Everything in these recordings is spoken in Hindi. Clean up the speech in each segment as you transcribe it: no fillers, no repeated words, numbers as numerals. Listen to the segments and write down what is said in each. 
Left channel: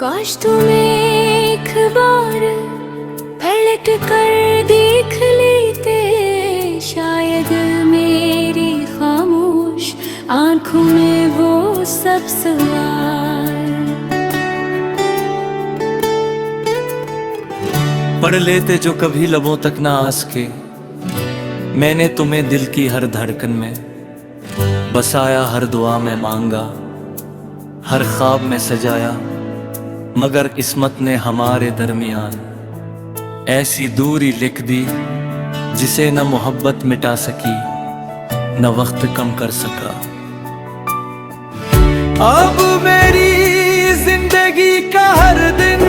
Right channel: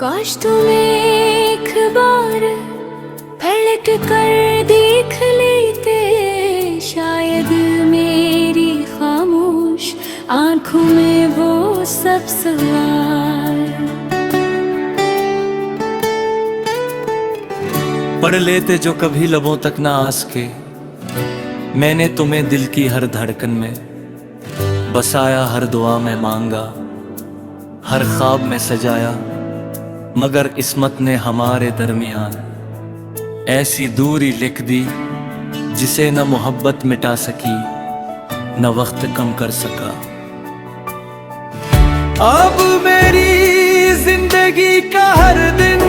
काश तुम एक बार पलट कर देख लेते, शायद मेरी खामोश आंखों में वो सब सवाल पढ़ लेते जो कभी लबों तक ना आस के। मैंने तुम्हें दिल की हर धड़कन में बसाया, हर दुआ में मांगा, हर ख्वाब में सजाया, मगर किस्मत ने हमारे दरमियान ऐसी दूरी लिख दी जिसे न मोहब्बत मिटा सकी न वक्त कम कर सका। अब मेरी जिंदगी का हर दिन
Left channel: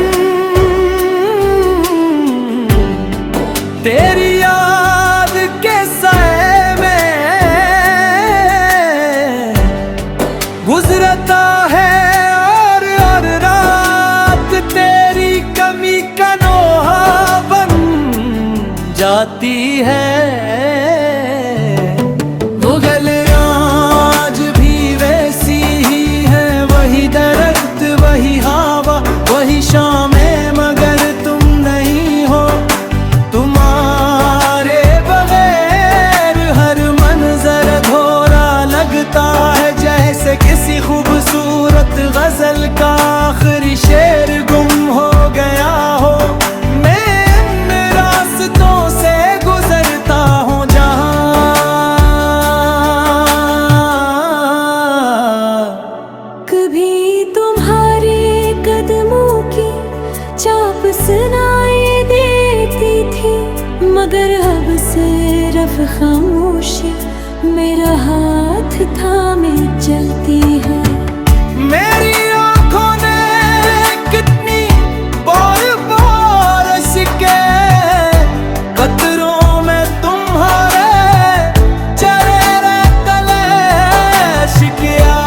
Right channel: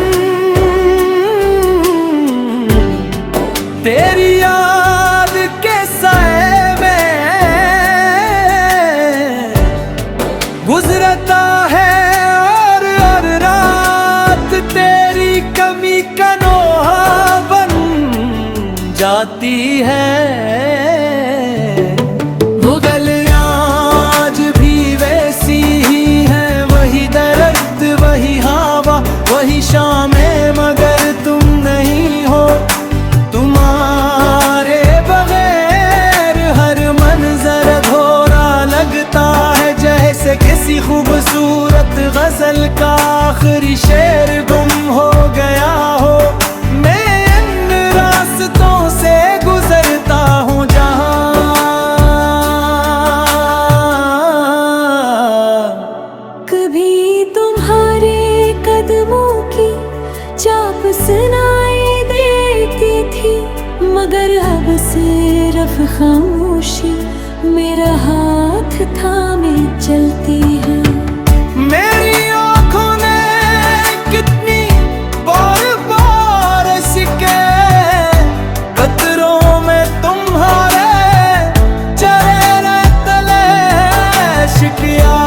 तेरी याद के साए में गुजरता है, और रात तेरी कमी का नोहा बन जाती है। वो गलियां आज भी वैसी ही हैं, वही दरख्त वही हवा वही शामें, मगर तुम नहीं हो। तुम्हारे बगैर हर मंजर अधूरा लगता है, जैसे किसी खूबसूरत गजल का आखिरी शेर गुम हो गया हो। मैं इन रास्तों से गुजरता हूँ जहाँ कभी तुम्हारे कदमों की चाप सुनाई देती थी, मगर अब सिर्फ खामोशी मेरा हाथ थामे चलती है। मेरी आंखों ने कितनी बार बार इश्के कतरों में तुम्हारे चेहरे तले शिकिया।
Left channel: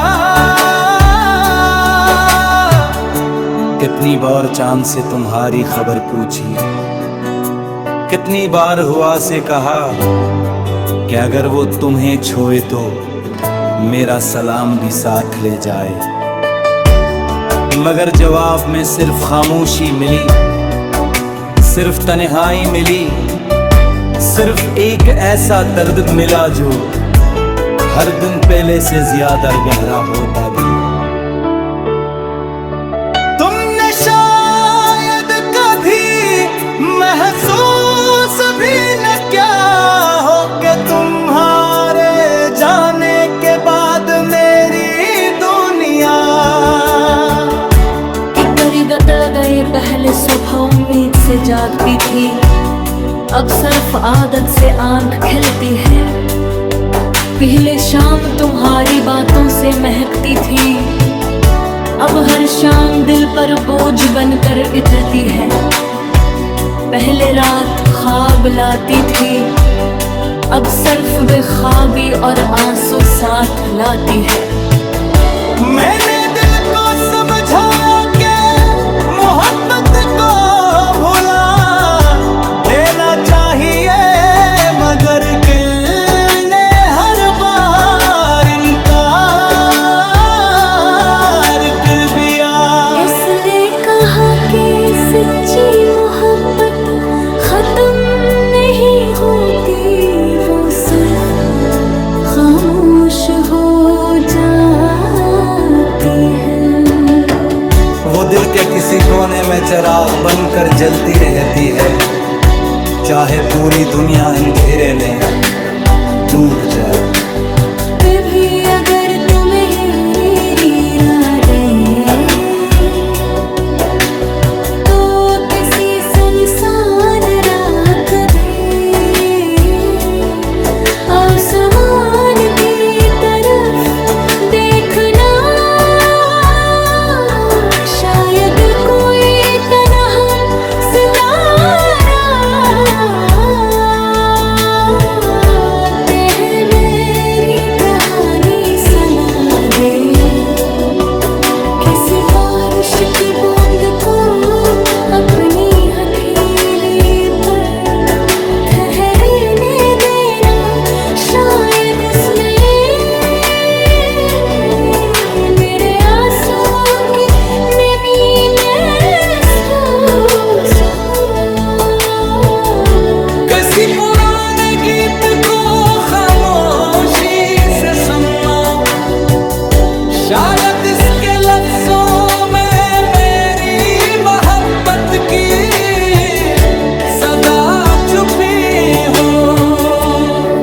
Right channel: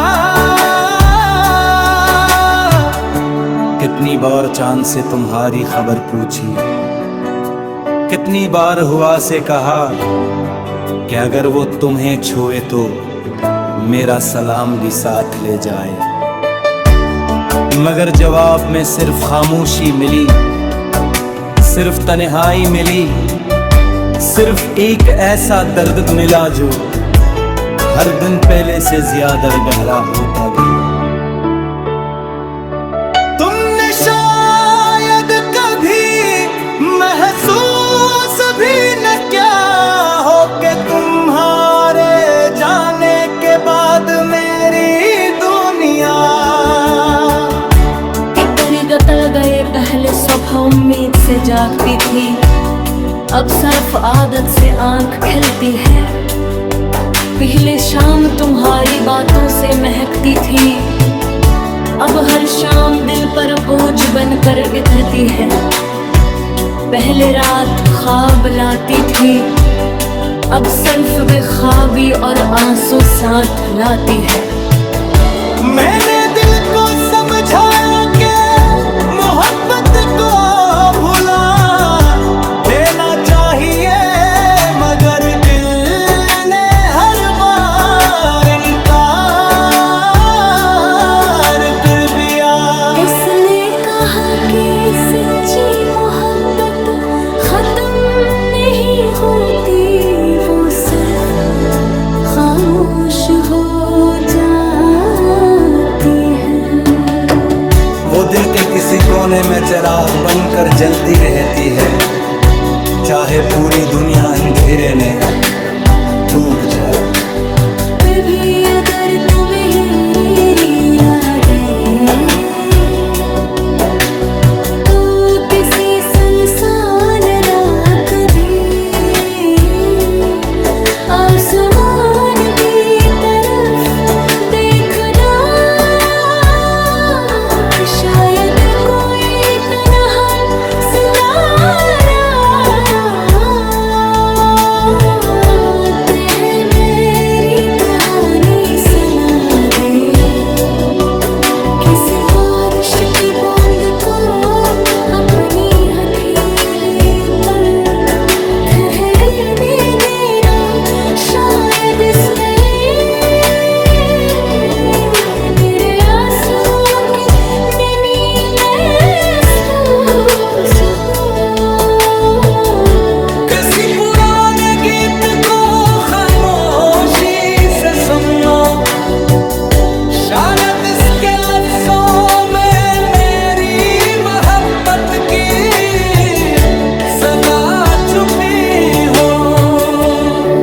कितनी बार चांद से तुम्हारी खबर पूछी, कितनी बार हुआ से कहा कि अगर वो तुम्हें छोए तो मेरा सलाम भी साथ ले जाए, मगर जवाब में सिर्फ खामोशी मिली, सिर्फ तन्हाई मिली, सिर्फ एक ऐसा दर्द मिला जो हर दिन पहले से ज्यादा गहरा होता गया। तुमने शायद कभी महसूस भी न किया हो कि तुम्हारे जाने के बाद मेरी दुनिया किधर गतर गए। पहले सुबह उम्मीद से जागती थी, अब सिर्फ आदत से आंख खिलती है। पहले शाम तुम्हारी बातों से महकती थी, अब हर शाम दिल पर बोझ बनकर उतरती है। पहले रात ख्वाब लाती थी, अब सिर्फ बेख्वाबी और आंसू साथ लाती है। मैंने दिल को समझाया कि मोहब्बत को भुला देना चाहिए, मगर दिल ने हर बार इनकार कर दिया। इसने कहा कि सच्ची मोहब्बत खत्म नहीं होती, वो सिर्फ खामोश हो जाती है। वो दिल के किसी कोने में चिराग बनकर जलती रहती है, चाहे पूरी दुनिया अंधेरे में डूब जाए। कभी अगर तुम्हें ही दे तो किसी सुनसान रात भी आसमान की तरफ देखना, शायद कोई तन्हा सितारा तेरे मेरी कहानी सुना दे। किसी बारिश की बूंद को अपनी हथेली पर ठहरने देना, शायद इसमें मेरे आंसुओं की नमी में सुनना, शायद इसके लफ्जों में मेरी मोहब्बत की सदा छुपी हो।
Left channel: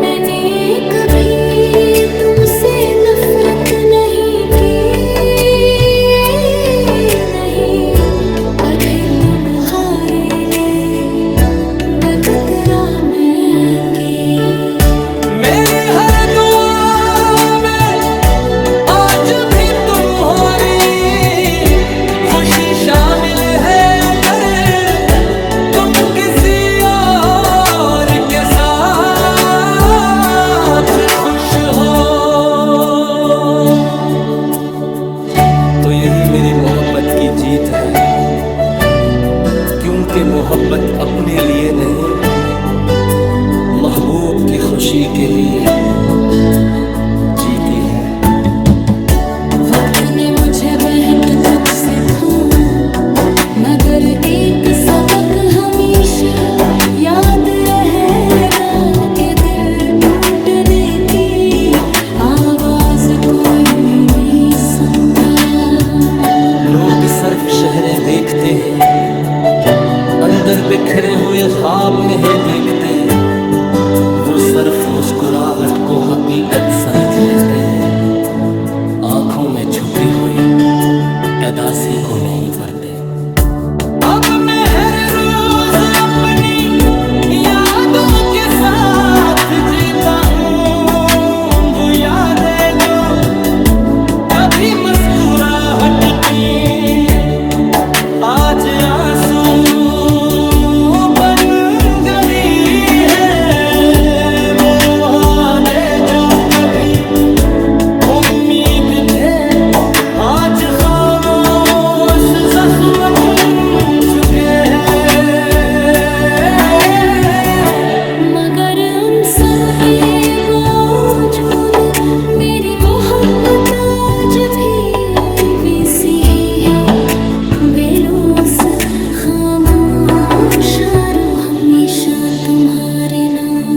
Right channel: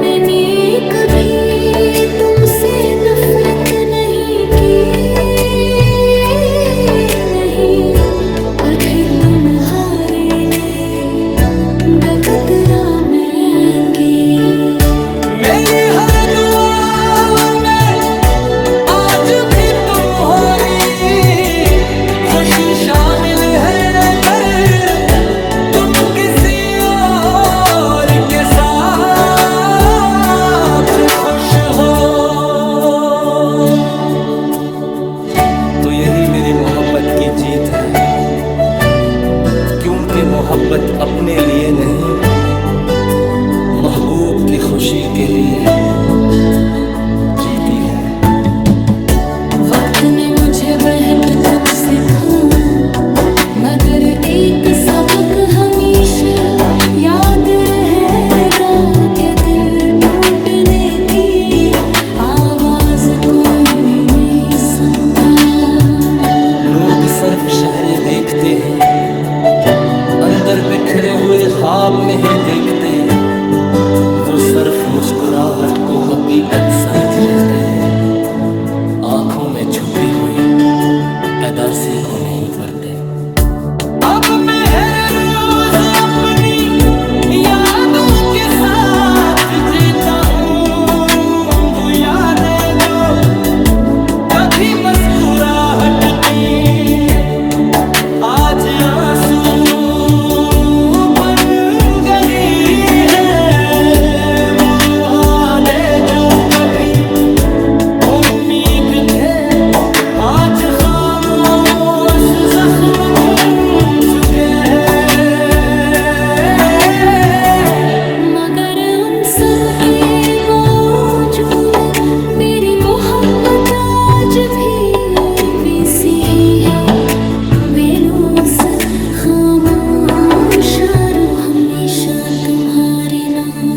मैंने कभी तुमसे नफरत नहीं की, नहीं, अगर तुम हारे ले डगरा महंगी। मेरी हर दुआ में आज भी तुम्हारी खुशी शामिल है, कर तुम किसी और के साथ खुश हो। तो यही मेरी मोहब्बत की जीत है, क्योंकि मोहब्बत अपने लिए नहीं, महबूब की खुशी के लिए जीती है। वक्त ने मुझे बहट कुछ सिखाया, मगर एक सबक हमेशा याद रहेगा कि दिल टूटने की आवाज कोई नहीं सुनता। लोग सिर्फ शहरे देखते हैं, अंदर बिखरे हुए ख्वाब नहीं देखते। वो सिर्फ मुस्कुराहट को हकीकत समझ लेते हैं, आंखों में छुपी हुई अदासी को नहीं पढ़ते। अब मैं हर रोज अपनी यादों के साथ जीता हूँ, वो यादें जो कभी मुस्कुराहट थी आज आंसू बन गई है। वो वादे जो कभी उम्मीद थे आज खामोश जख्म बन चुके हैं। मगर उन सब के बावजूद मेरी मोहब्बत आज भी वैसी ही है, बेलौस खामोश, हमेशा तुम्हारे नाम।